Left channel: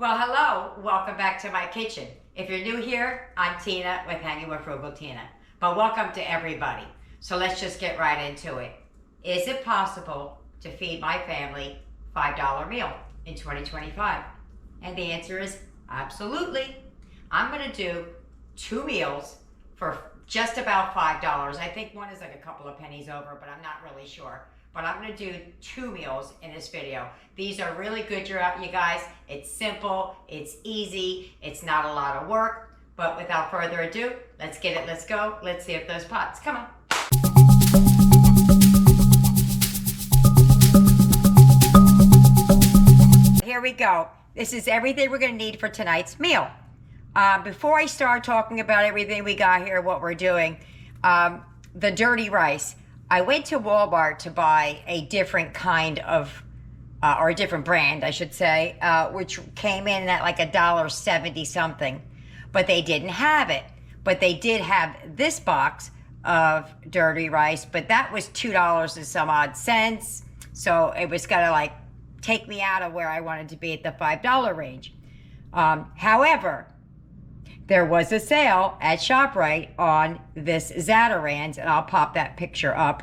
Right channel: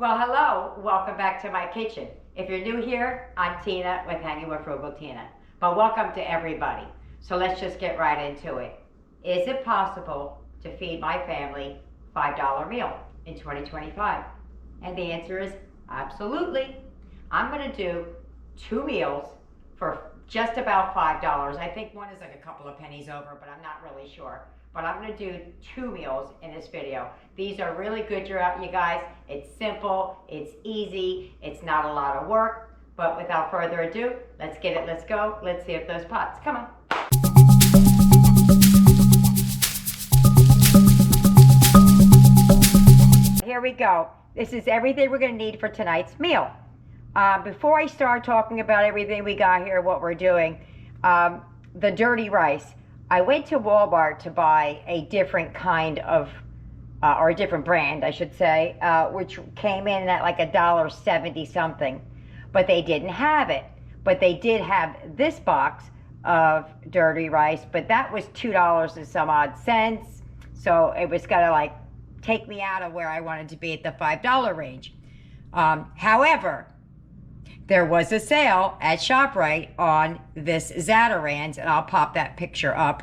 Well, hello, welcome back to my kitchen. If you're new here, I'm Tina with Hanging with Frugal Tina. But welcome to everybody. So let's just get right into it. Is it possible to feed my family $5 meal in 2025? And the answer is absolutely. I'm gonna do 2 meals for just about $5. I think one is like a couple of pennies over, but I'm not really sure. But I'm gonna do 2 meals in this video. These are really good, you guys. It's simple, it's easy, it's not a lot of work. But without further ado, let's get it, let's go. Let's see if those pots, come on. Here we go. This is everything we're gonna need for tonight's meal. Before I start talking about everything we got here, what we're doing, the dirty rice. I went to Walmart to buy a different kind of, or a different brand, I should say, which came in at like $1.70 something, but they didn't have it. But they did have this box of dirty rice, but that was $2 and some odd cents. So it was gonna like take me out of where I wanted to be at the $5 range. However, there was a sale at ShopRite on this Zatarain's, and I'll pop that picture up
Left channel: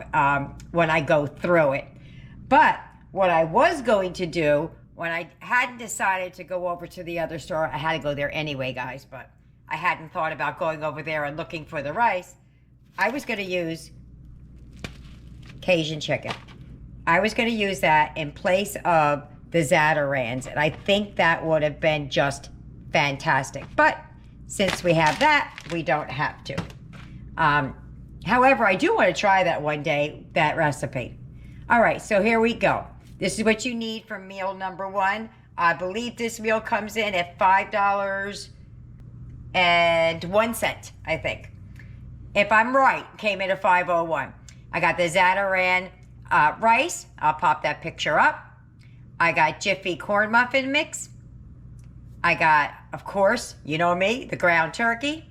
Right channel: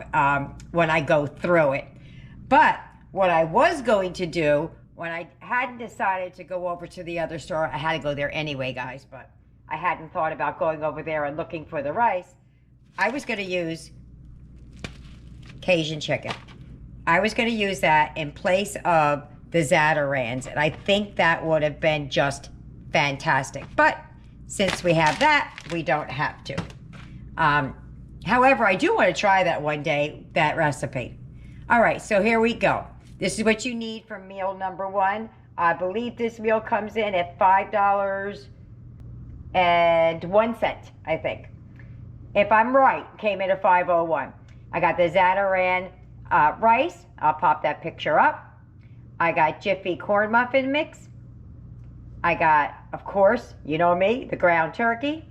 when I go through it. But what I was going to do, when I hadn't decided to go over to the other store, I had to go there anyway, guys, but I hadn't thought about going over there and looking for the rice. I was going to use Cajun chicken. I was going to use that in place of the Zatarain's, and I think that would have been just fantastic. But since we have that, we don't have to. However, I do want to try that one day, that recipe. All right, so here we go. This is what you need for meal number 1. I believe this meal comes in at $5.01, I think. If I'm right, came in at $5.01. I got the Zatarain rice. I'll pop that picture up. I got Jiffy corn muffin mix. I got, of course, you know me, the ground turkey.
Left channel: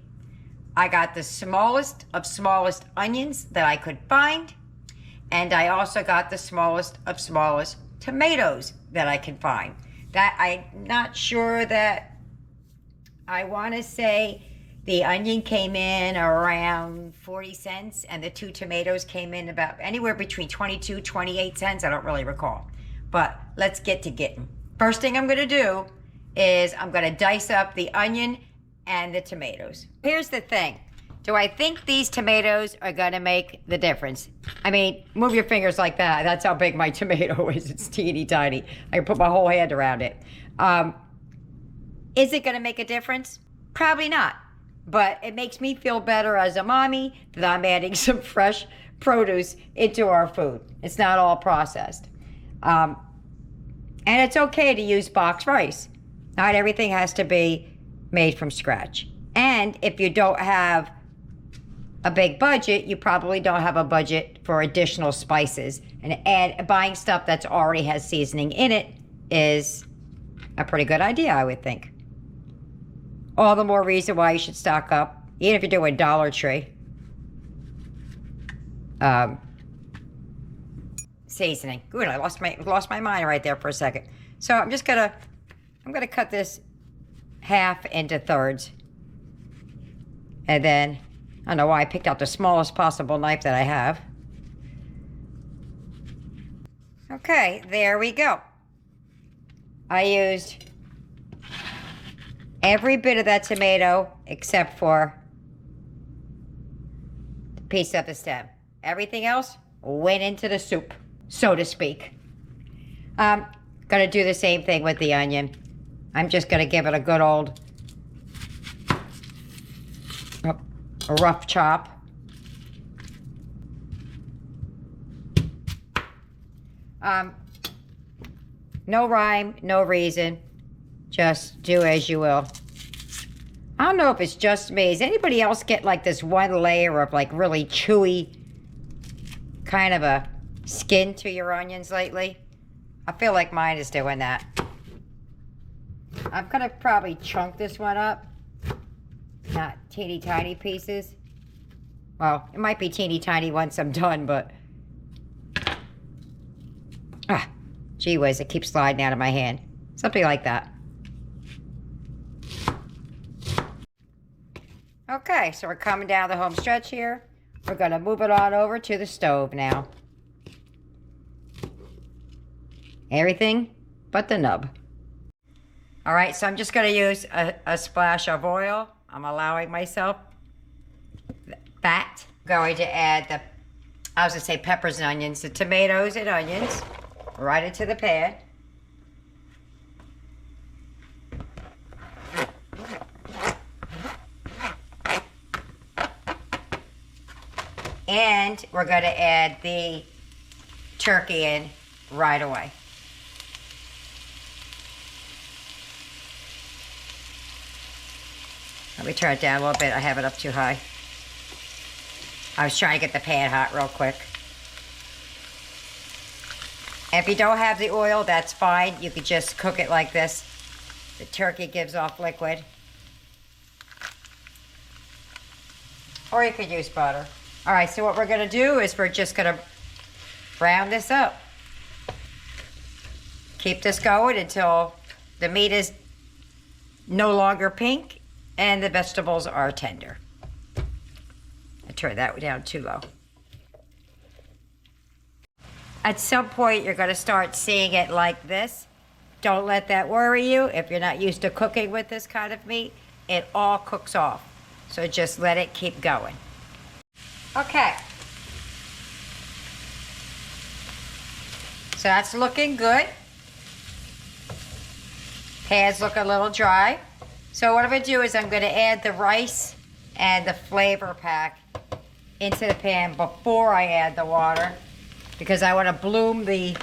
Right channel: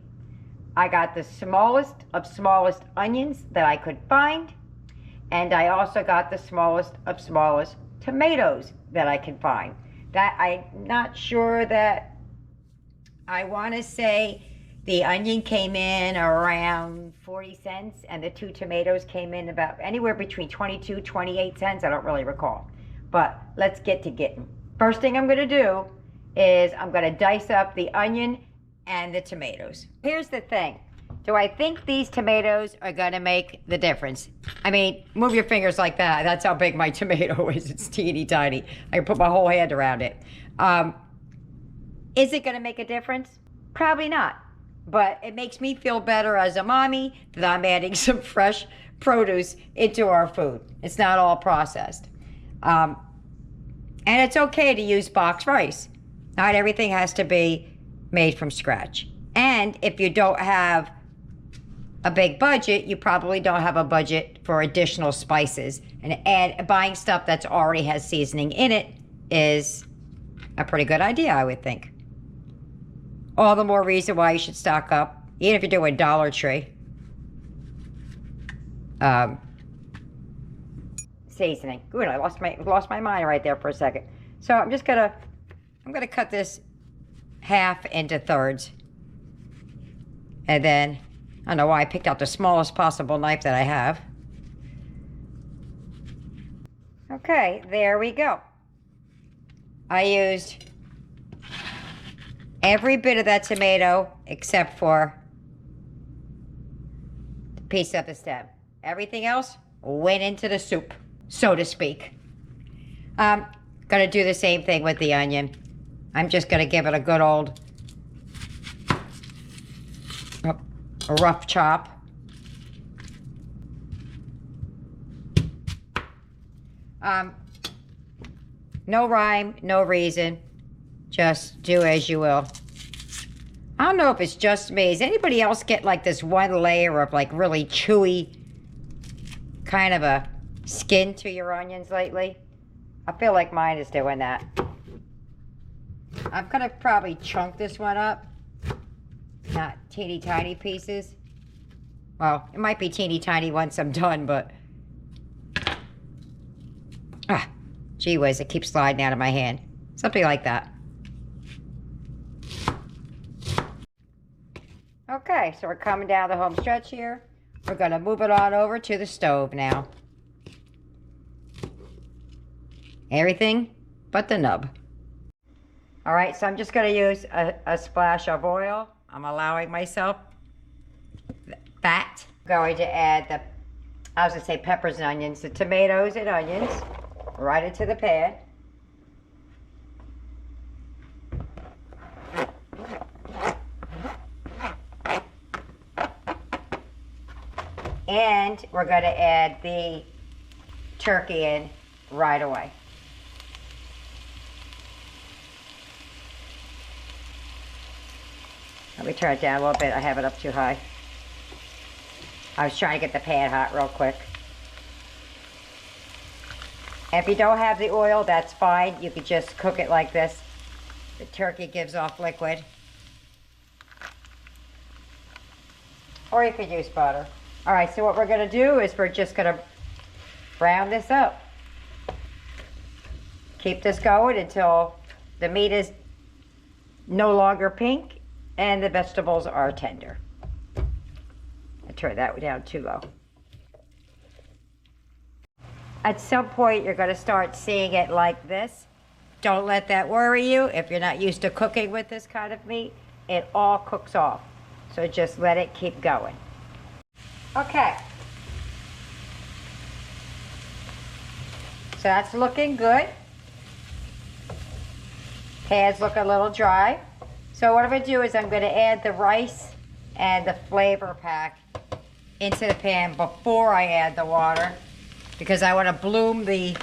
I got the smallest of smallest onions that I could find. And I also got the smallest of smallest tomatoes that I can find. That I'm not sure that, I want to say the onion came in around 40 cents and the 2 tomatoes came in about anywhere between 22, 28 cents. I don't really recall. But let's get to getting. First thing I'm going to do is I'm going to dice up the onion and the tomatoes. Here's the thing. Do I think these tomatoes are going to make the difference? I mean, move your fingers like that. That's how big my tomato is. It's teeny tiny. I can put my whole hand around it. Is it going to make a difference? Probably not. But it makes me feel better as a mommy that I'm adding some fresh produce into our food. It's not all processed. And it's okay to use boxed rice. Not everything has to be made from scratch. And if you don't have a big budget, you probably don't have a budget for additional spices. And buying stuff that's already has seasoning in it is a pretty good idea, I would think. All the more reason why you should stock up, even if you're doing Dollar Tree. Seasoning. Good, I lost my mind right there for a second. So I'm going to cut this half into thirds. And then, I don't know why I picked out the smallest possible knife that I have. Okay, there we go. I used every bit of that tomato except for the piece of the stem. Everything else went into the soup, so to speak. Gonna do the same thing with the onion. I'm just gonna give it a good old a rough chop. No rhyme, no reason. Just do as you will. I don't know if it's just me. Does anybody else get like this one layer of like really chewy kind of a skin to your onions lately? I feel like mine is doing that. I'm gonna probably chunk this one up. Not teeny tiny pieces. Well, it might be teeny tiny once I'm done, but gee whiz, it keeps sliding out of my hand. Something like that. Okay, so we're coming down the home stretch here. We're gonna move it on over to the stove now. Everything but the nub. All right, so I'm just gonna use a splash of oil. I'm allowing myself fat. I'm going to add I was gonna say peppers and onions, the tomatoes and onions right into the pan. And we're going to add the turkey in right away. Let me turn it down a little bit. I have it up too high. I was trying to get the pan hot real quick. And if you don't have the oil, that's fine. You could just cook it like this. The turkey gives off liquid. Or you could use butter. All right, so what we're gonna do is we're just gonna brown this up. Keep this going until the meat is no longer pink and the vegetables are tender. I turned that down too low. At some point, you're gonna start seeing it like this. Don't let that worry you. If you're not used to cooking with this kind of meat, it all cooks off. So just let it keep going. Okay. So that's looking good. Pan's look a little dry. So what I'm gonna do is I'm gonna add the rice and the flavor pack into the pan before I add the water, because I wanna bloom the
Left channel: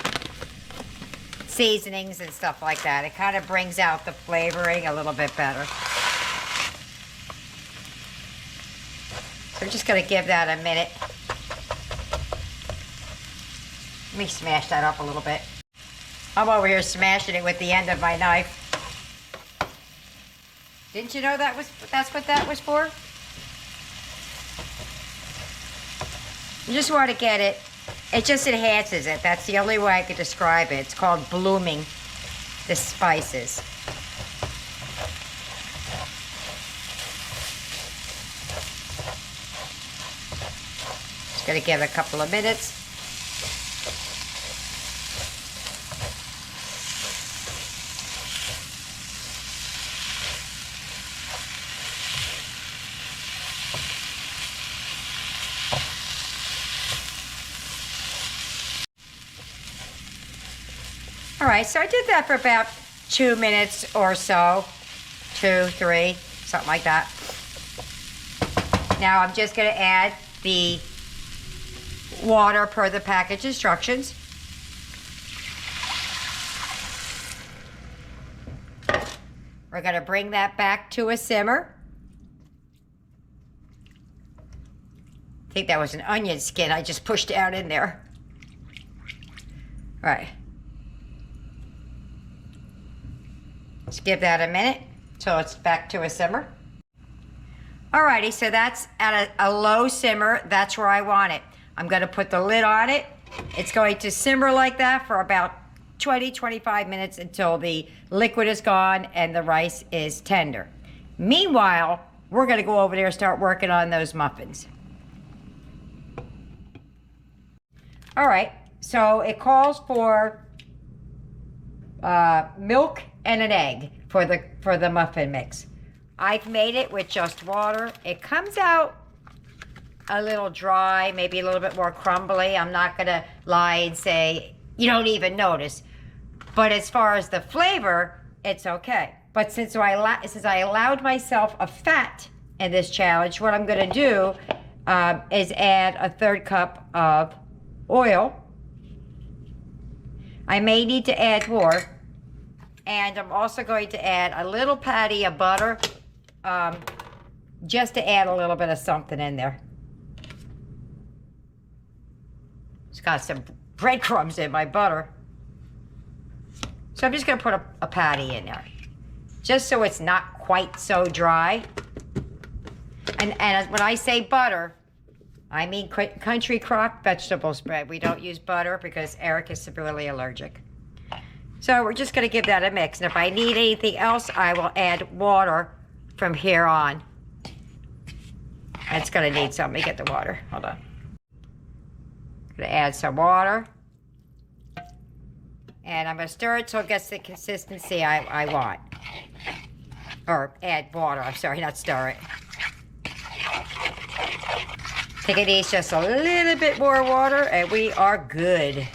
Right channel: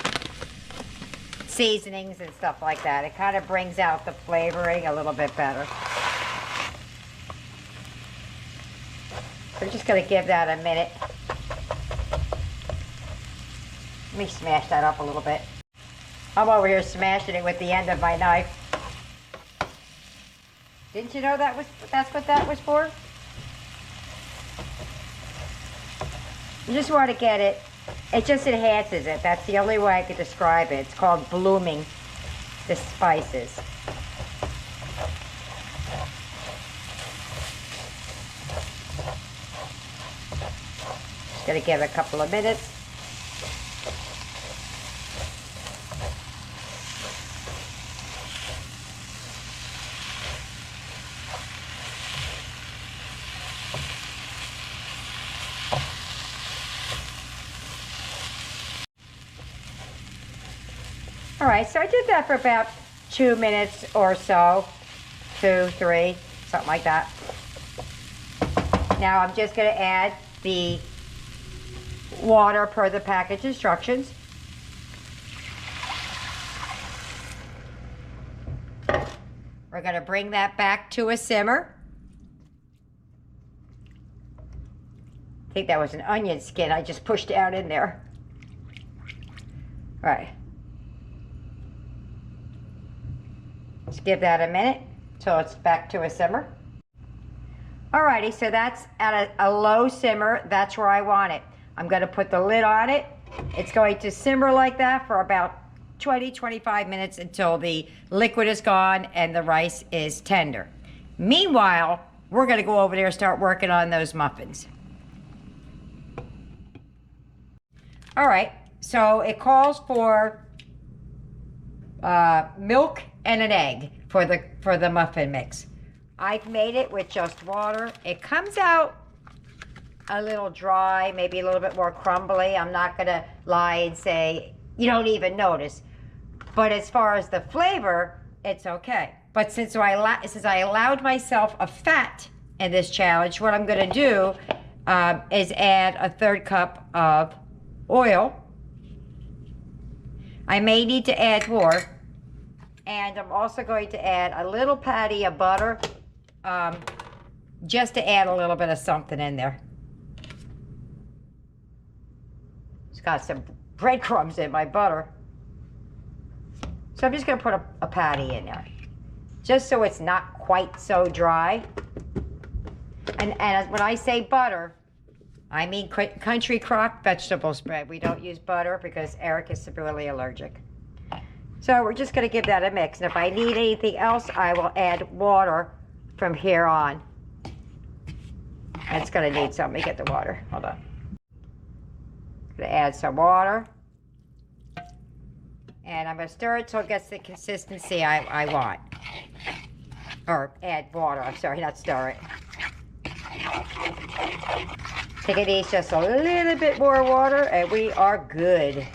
seasonings and stuff like that. It kind of brings out the flavoring a little bit better. So I'm just gonna give that a minute. Let me smash that up a little bit. I'm over here smashing it with the end of my knife. Didn't you know that's what that was for? You just want to get it. It just enhances it. That's the only way I could describe it. It's called blooming the spices. Just gonna give it a couple of minutes. All right, so I did that for about 2 minutes or so, 2, 3, something like that. Now I'm just gonna add the water per the package instructions. We're gonna bring that back to a simmer. I think that was an onion skin I just pushed down in there. All right. Let's give that a minute till it's back to a simmer. Alrighty, so that's at a low simmer. That's where I want it. I'm gonna put the lid on it. It's going to simmer like that for about 20-25 minutes until the liquid is gone and the rice is tender. Meanwhile, we're gonna go over there and start working on those muffins. All right, so it calls for milk and an egg for the muffin mix. I've made it with just water. It comes out a little dry, maybe a little bit more crumbly. I'm not gonna lie and say you don't even notice. But as far as the flavor, it's okay. But since I allowed myself a fat in this challenge, what I'm gonna do is add a 1/3 cup of oil. I may need to add more. And I'm also going to add a little patty of butter, just to add a little bit of something in there. It's got some breadcrumbs in my butter. So I'm just gonna put a patty in there, just so it's not quite so dry. And when I say butter, I mean country crock vegetable spread. We don't use butter because Eric is severely allergic. So we're just gonna give that a mix. And if I need anything else, I will add water from here on. It's gonna need some. Let me get the water. Hold on. Gonna add some water. And I'm gonna stir it till it gets the consistency I want. Or add water, I'm sorry, not stir it. I think it needs just a little bit more water and we are good.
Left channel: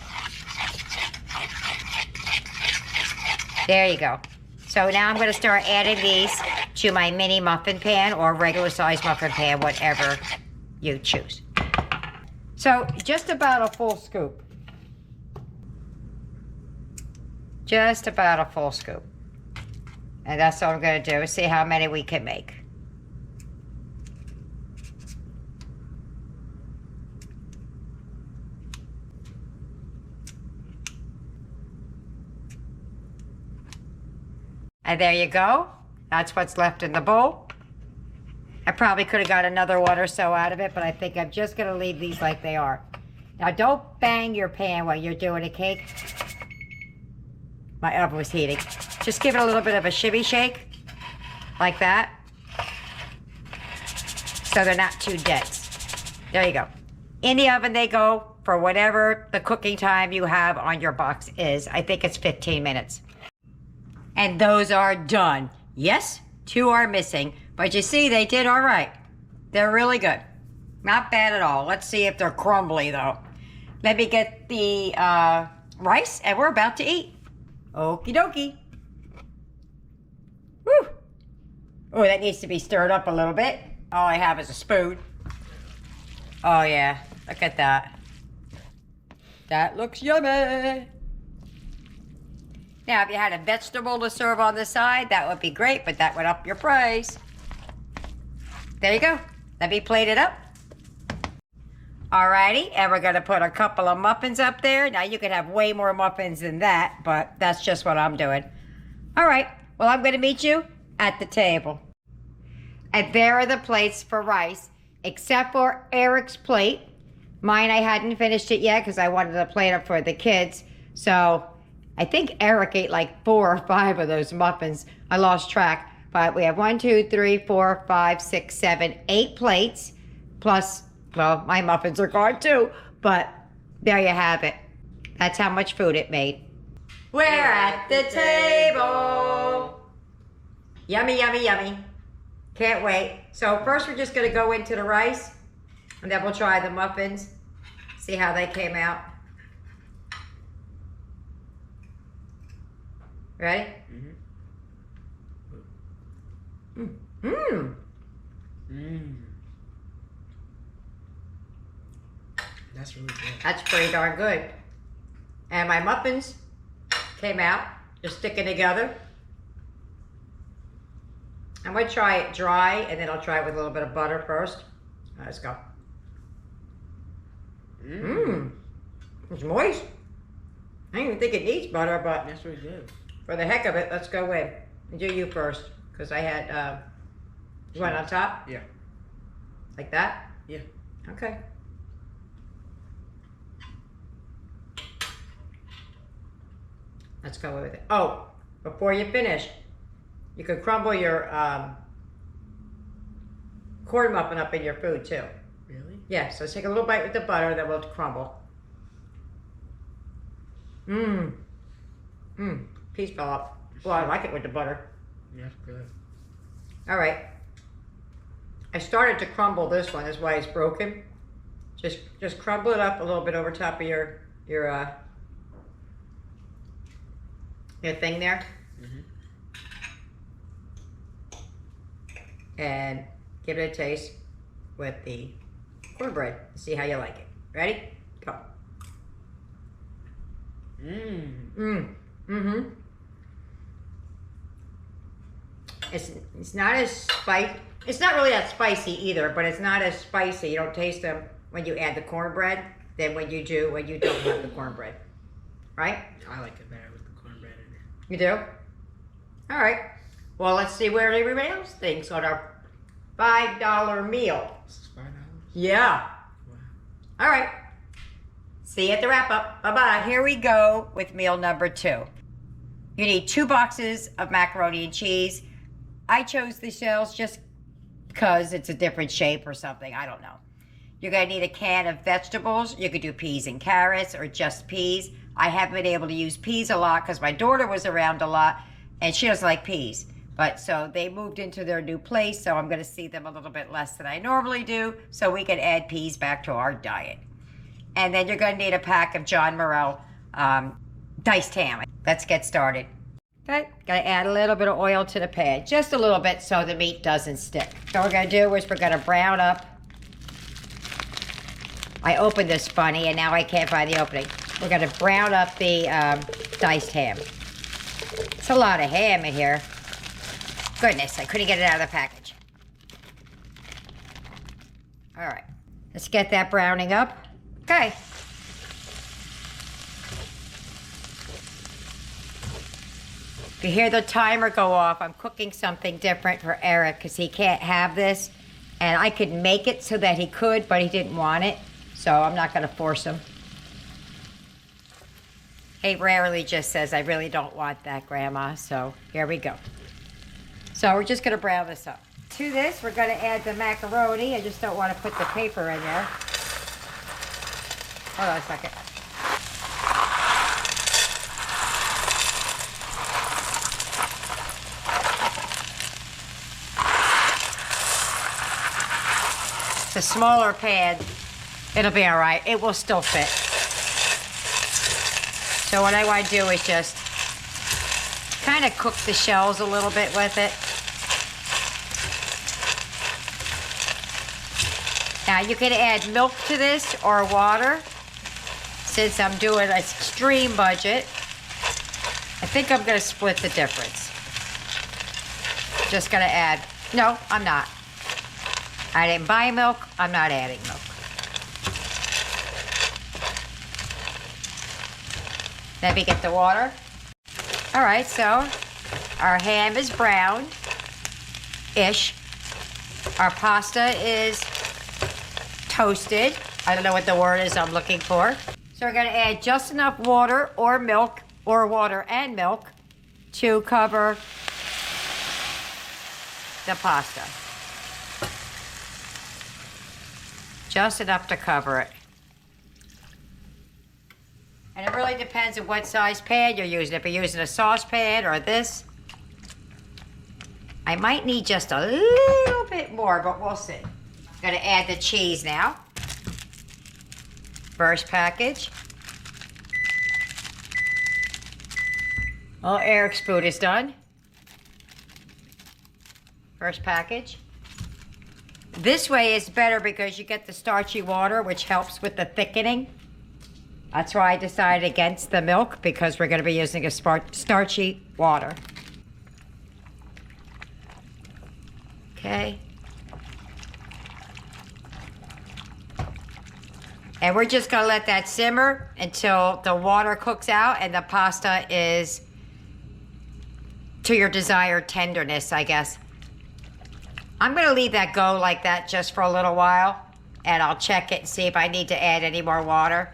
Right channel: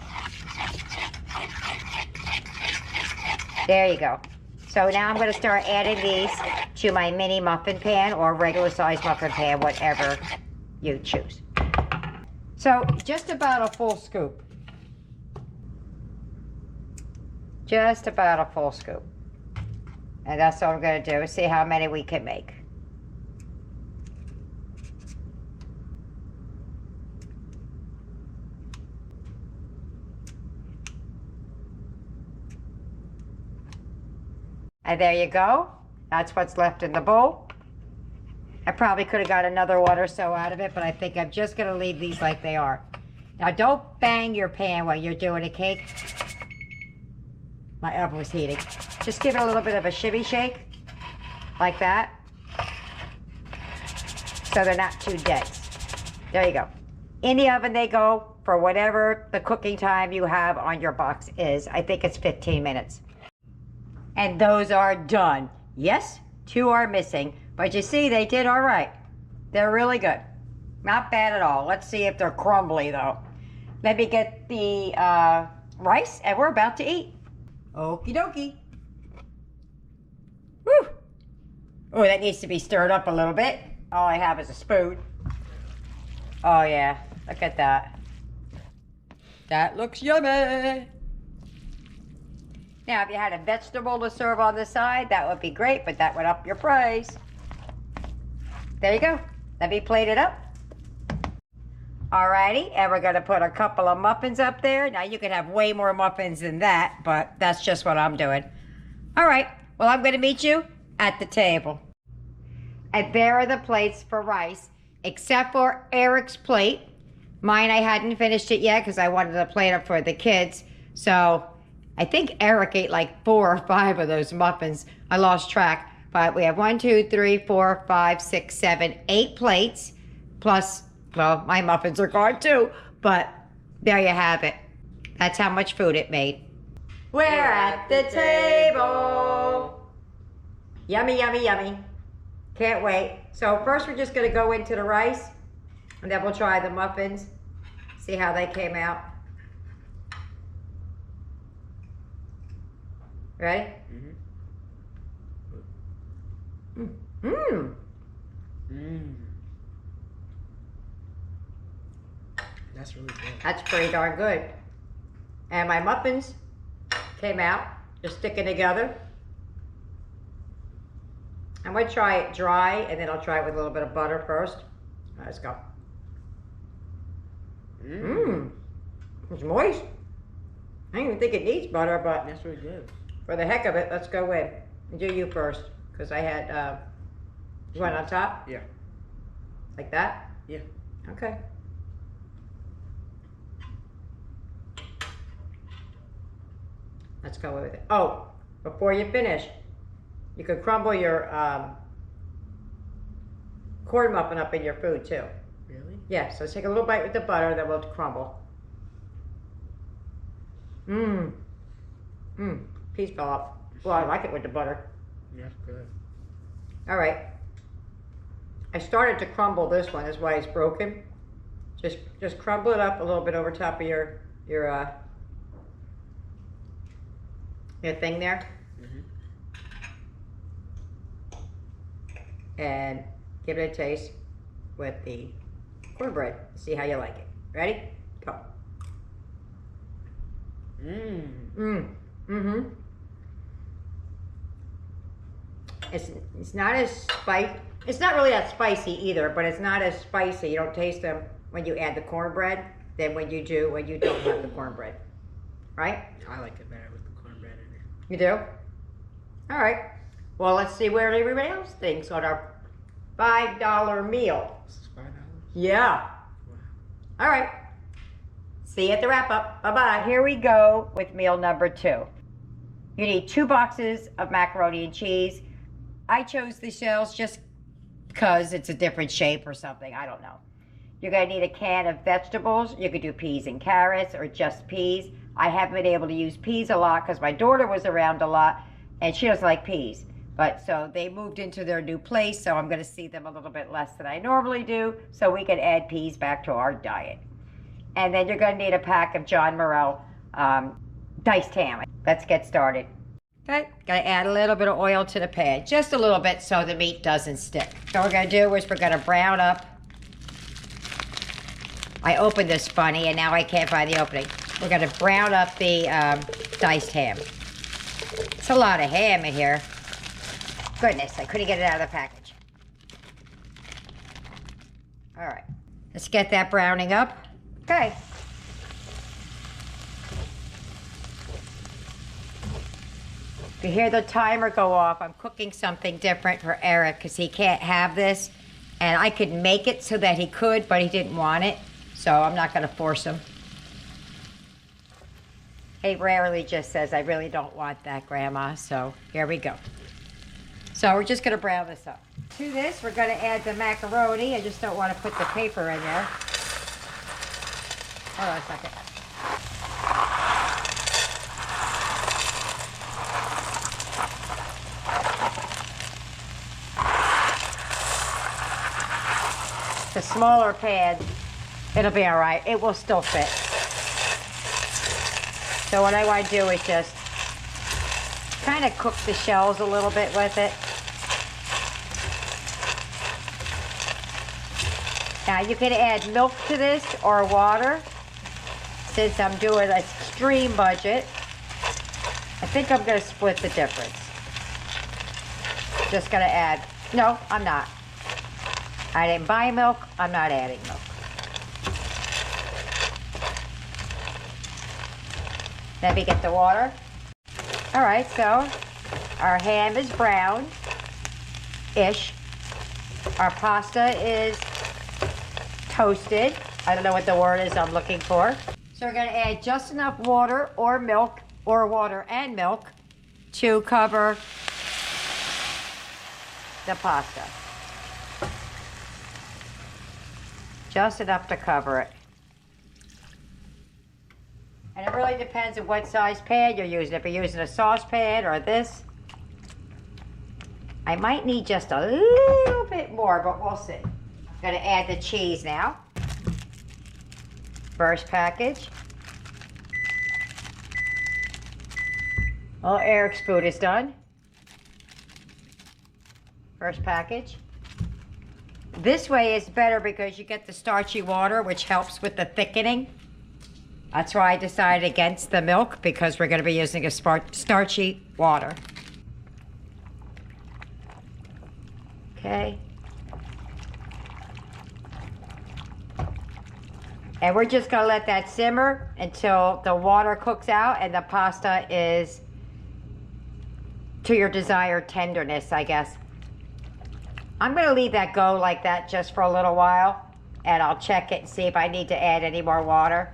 There you go. So now I'm gonna start adding these to my mini muffin pan or regular size muffin pan, whatever you choose. So just about a full scoop. Just about a full scoop. And that's all I'm gonna do, see how many we can make. And there you go. That's what's left in the bowl. I probably could have got another one or so out of it, but I think I'm just gonna leave these like they are. Now don't bang your pan while you're doing a cake. My oven was heating. Just give it a little bit of a shimmy shake, like that. So they're not too dense. There you go. In the oven they go for whatever the cooking time you have on your box is. I think it's 15 minutes. And those are done. Yes, 2 are missing, but you see they did all right. They're really good. Not bad at all. Let's see if they're crumbly though. Let me get the rice and we're about to eat. Okie dokie. Woo! Oh, that needs to be stirred up a little bit. All I have is a spoon. Oh yeah, look at that. That looks yummy. Now, if you had a vegetable to serve on the side, that would be great, but that would up your price. There you go. Let me plate it up. Alrighty, and we're gonna put a couple of muffins up there. Now, you could have way more muffins than that, but that's just what I'm doing. All right, well, I'm gonna meet you at the table. And there are the plates for rice, except for Eric's plate. Mine, I hadn't finished it yet because I wanted to plate up for the kids. So I think Eric ate like 4 or 5 of those muffins. I lost track. But we have 1, 2, 3, 4, 5, 6, 7, 8 plates. Plus, well, my muffins are gone too. But there you have it. That's how much food it made. We're at the table. Yummy, yummy, yummy. Can't wait. So first we're just going to go into the rice. And then we'll try the muffins. See how they came out. Ready? Mm-hmm. Mmm. Mmm. That's really good. That's pretty darn good. And my muffins came out, just sticking together. I'm going to try it dry, and then I'll try it with a little bit of butter first. All right, let's go. Mmm. It's moist. I don't even think it needs butter, but that's really good. For the heck of it, let's go in. Do you first, because I had, you want it on top? Yeah. Like that? Yeah. Okay. Let's go with it. Oh, before you finish, you could crumble your corn muffin up in your food too. Really? Yeah, so take a little bite with the butter, then we'll crumble. Mmm. Mmm. Piece fell off. Well, I like it with the butter. Yeah, good. All right. I started to crumble this one. That's why it's broken. Just crumble it up a little bit over top of your thing there. And give it a taste with the cornbread. See how you like it. Ready? Go. Mmm. Mmm. Mm-hmm. It's not as spicy. It's not really that spicy either, but it's not as spicy. You don't taste them when you add the cornbread than when you don't have the cornbread. Right? I like it better with the cornbread in it. You do? All right. Well, let's see where everybody else thinks on our $5 meal. This is $5? Yeah. Wow. All right. See you at the wrap up. Bye-bye. Here we go with meal number 2. You need 2 boxes of macaroni and cheese. I chose the shells just because it's a different shape or something. I don't know. You're going to need a can of vegetables. You could do peas and carrots or just peas. I haven't been able to use peas a lot because my daughter was around a lot and she doesn't like peas. But so they moved into their new place, so I'm going to see them a little bit less than I normally do, so we can add peas back to our diet. And then you're going to need a pack of John Morrell diced ham. Let's get started. Okay, got to add a little bit of oil to the pan, just a little bit so the meat doesn't stick. So what we're going to do is we're going to brown up. I opened this funny and now I can't find the opening. We're going to brown up the diced ham. It's a lot of ham in here. Goodness, I couldn't get it out of the package. All right, let's get that browning up. Okay. If you hear the timer go off, I'm cooking something different for Eric because he can't have this. And I could make it so that he could, but he didn't want it. So I'm not going to force him. He rarely just says, I really don't want that, Grandma. So here we go. So we're just going to brown this up. To this, we're going to add the macaroni. I just don't want to put the paper in there. Hold on a second. It's a smaller pan. It'll be all right. It will still fit. So what I want to do is just kind of cook the shells a little bit with it. Now you can add milk to this or water. Since I'm doing an extreme budget, I think I'm going to split the difference. Just going to add, no, I'm not. I didn't buy milk, I'm not adding milk. Let me get the water. All right, so our ham is brown-ish. Our pasta is toasted. I don't know what the word is I'm looking for. So we're gonna add just enough water or milk, or water and milk, to cover the pasta. Just enough to cover it. And it really depends on what size pan you're using. If you're using a saucepan or this, I might need just a little bit more, but we'll see. I'm gonna add the cheese now. First package. Well, Eric's food is done. First package. This way is better because you get the starchy water, which helps with the thickening. That's why I decided against the milk, because we're going to be using a starchy water. Okay. And we're just going to let that simmer until the water cooks out and the pasta is to your desired tenderness, I guess. I'm going to leave that go like that just for a little while, and I'll check it and see if I need to add any more water.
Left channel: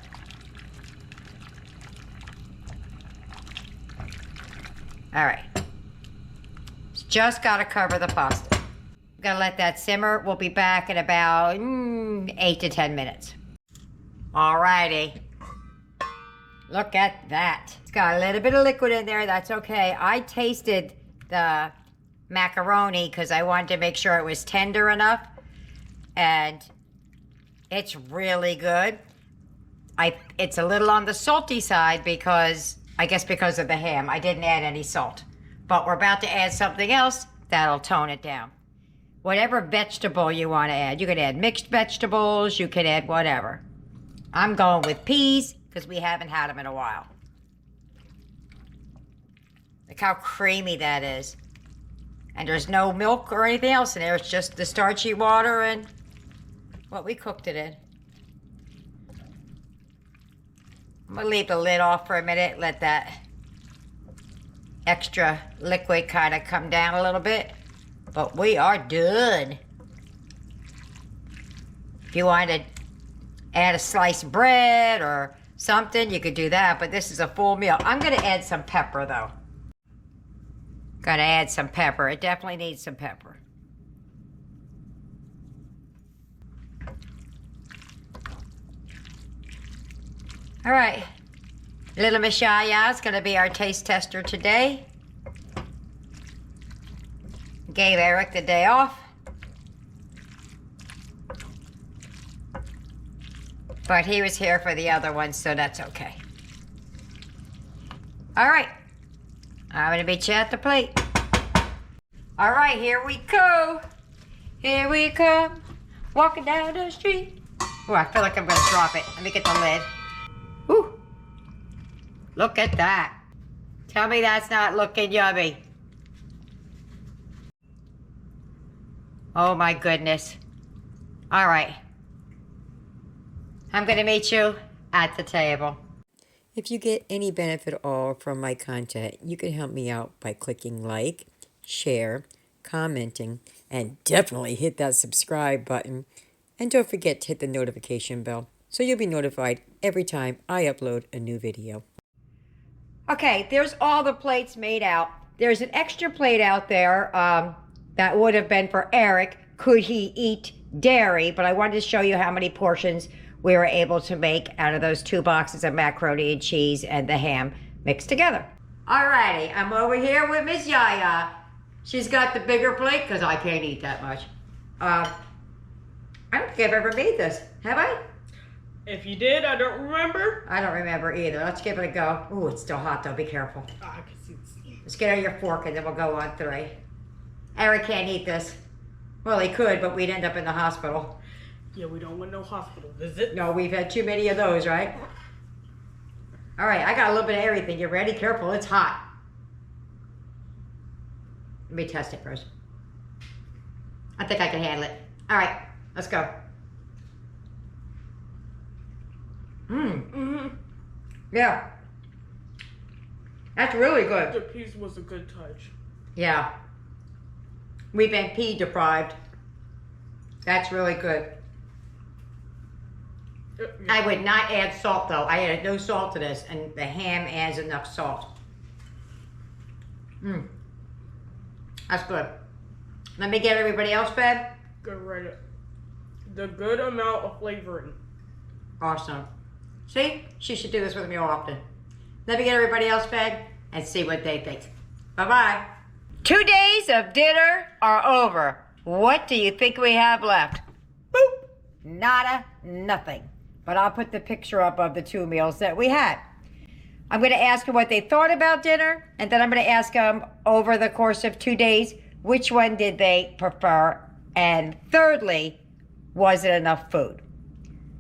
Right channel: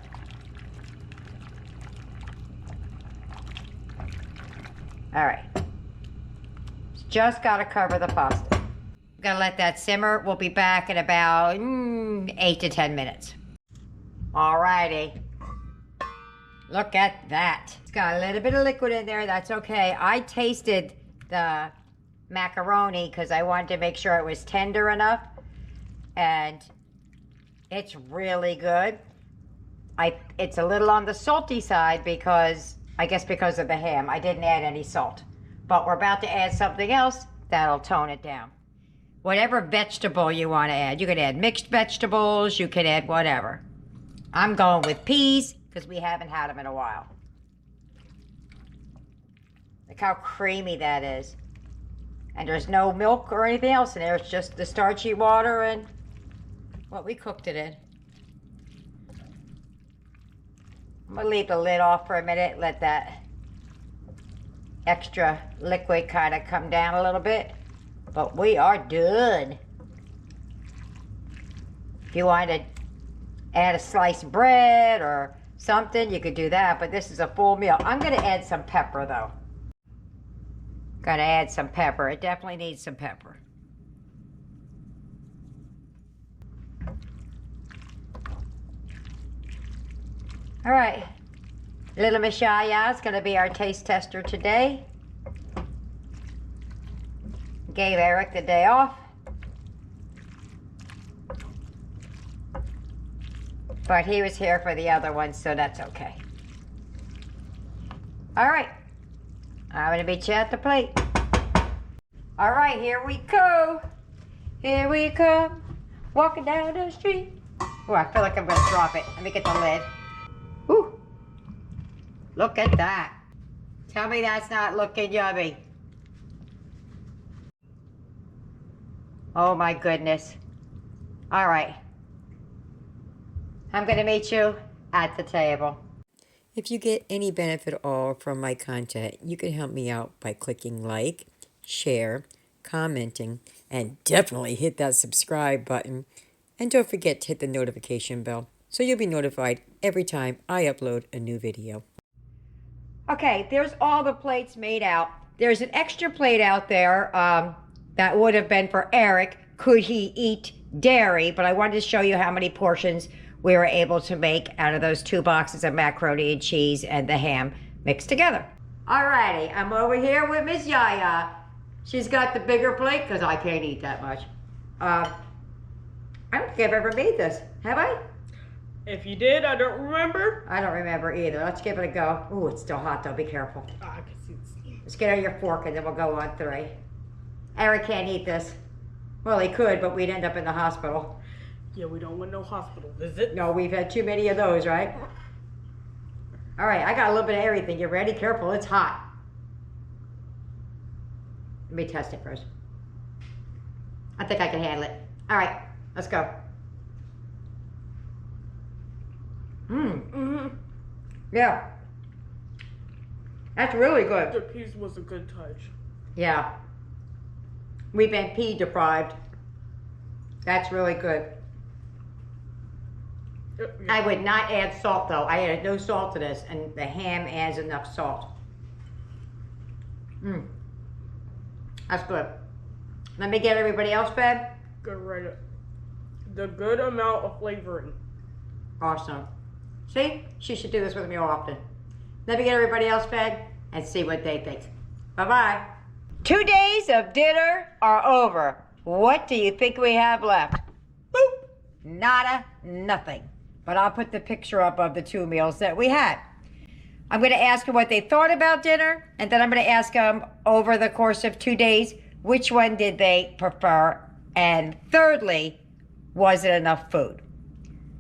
All right. It's just got to cover the pasta. I'm going to let that simmer. We'll be back in about 8 to 10 minutes. All righty. Look at that. It's got a little bit of liquid in there. That's okay. I tasted the macaroni because I wanted to make sure it was tender enough, and it's really good. It's a little on the salty side because I guess because of the ham. I didn't add any salt, but we're about to add something else that'll tone it down. Whatever vegetable you want to add. You can add mixed vegetables, you can add whatever. I'm going with peas because we haven't had them in a while. Look how creamy that is. And there's no milk or anything else in there. It's just the starchy water and what we cooked it in. I'm gonna leave the lid off for a minute, let that extra liquid kind of come down a little bit. But we are done. If you want to add a sliced bread or something, you could do that, but this is a full meal. I'm gonna add some pepper though. Gotta add some pepper. It definitely needs some pepper. All right. Little Miss Yaya is going to be our taste tester today. Gave Eric the day off. But he was here for the other one, so that's okay. All right. I'm going to meet you at the plate. All right, here we go. Here we come. Walking down the street. Oh, I feel like I'm going to drop it. Let me get the lid. Whew. Look at that. Tell me that's not looking yummy. Oh my goodness. All right. I'm going to meet you at the table. If you get any benefit at all from my content, you can help me out by clicking like, share, commenting, and definitely hit that subscribe button. And don't forget to hit the notification bell so you'll be notified every time I upload a new video. Okay, there's all the plates made out. There's an extra plate out there that would have been for Eric, could he eat dairy, but I wanted to show you how many portions we were able to make out of those 2 boxes of macaroni and cheese and the ham mixed together. Alrighty, I'm over here with Miss Yaya. She's got the bigger plate because I can't eat that much. I don't think I've ever made this, have I? If you did, I don't remember. I don't remember either. Let's give it a go. Ooh, it's still hot though, be careful. Oh, I can see the steam. Let's get out your fork and then we'll go on 3. Eric can't eat this. Well, he could, but we'd end up in the hospital. Yeah, we don't want no hospital visit. No, we've had too many of those, right? All right, I got a little bit of everything. You ready? Careful, it's hot. Let me test it first. I think I can handle it. All right, let's go. Yeah. That's really good. The piece was a good touch. Yeah. We've been pea deprived. That's really good. Yeah. I would not add salt though. I added no salt to this, and the ham adds enough salt. That's good. Let me get everybody else fed. Good right up. The good amount of flavoring. Awesome. See, she should do this with me often. Let me get everybody else fed and see what they think. Bye-bye. 2 days of dinner are over. What do you think we have left? Boop. Nada, nothing. But I'll put the picture up of the 2 meals that we had. I'm going to ask them what they thought about dinner, and then I'm going to ask them over the course of 2 days, which one did they prefer, and thirdly, was it enough food?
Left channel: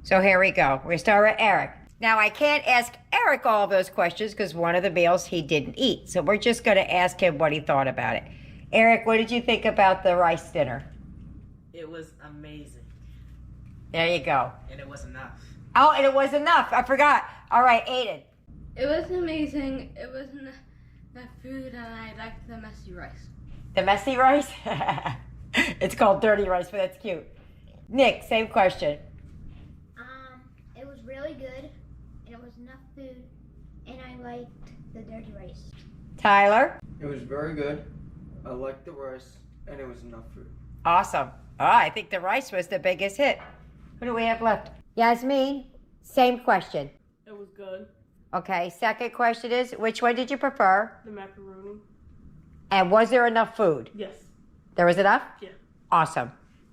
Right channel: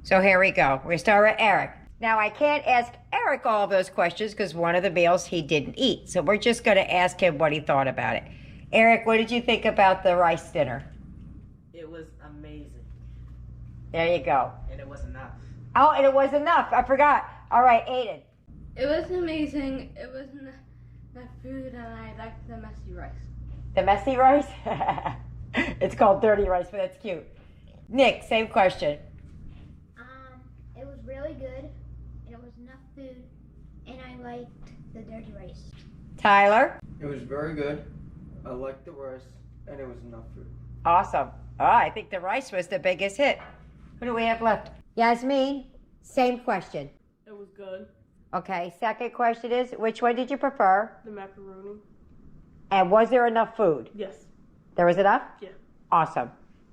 So here we go. We're going to start with Eric. Now, I can't ask Eric all those questions because one of the meals he didn't eat. So we're just going to ask him what he thought about it. Eric, what did you think about the rice dinner? It was amazing. There you go. And it was enough. Oh, and it was enough. I forgot. All right, Aiden. It was amazing. It was enough food, and I liked the messy rice. The messy rice? It's called dirty rice, but that's cute. Nick, same question. It was really good. It was enough food, and I liked the dirty rice. Tyler? It was very good. I liked the rice, and it was enough food. Awesome. Oh, I think the rice was the biggest hit. Who do we have left? Yasmin, same question. It was good. Okay, second question is, which one did you prefer? The macaroni. And was there enough food? Yes. There was enough? Yeah. Awesome.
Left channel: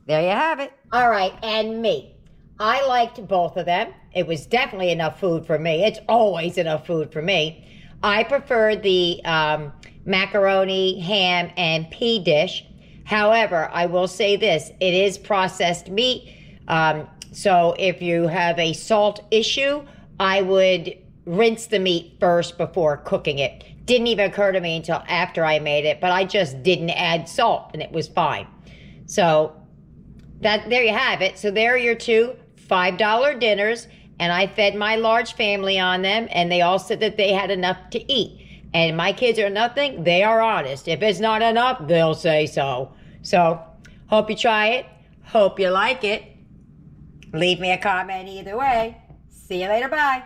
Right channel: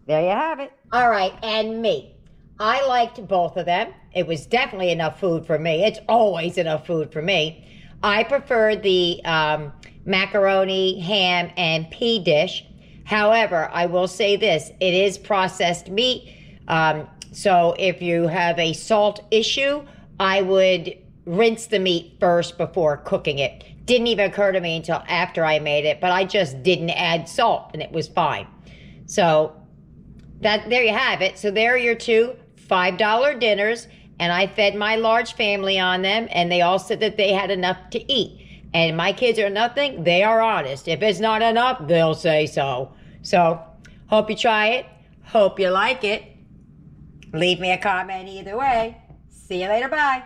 There you have it. All right, and me. I liked both of them. It was definitely enough food for me. It's always enough food for me. I preferred the macaroni, ham, and pea dish. However, I will say this. It is processed meat. So if you have a salt issue, I would rinse the meat first before cooking it. Didn't even occur to me until after I made it, but I just didn't add salt and it was fine. So there you have it. So there are your 2 $5 dinners, and I fed my large family on them, and they all said that they had enough to eat. And my kids are nothing, they are honest. If it's not enough, they'll say so. So hope you try it. Hope you like it. Leave me a comment either way. See you later. Bye.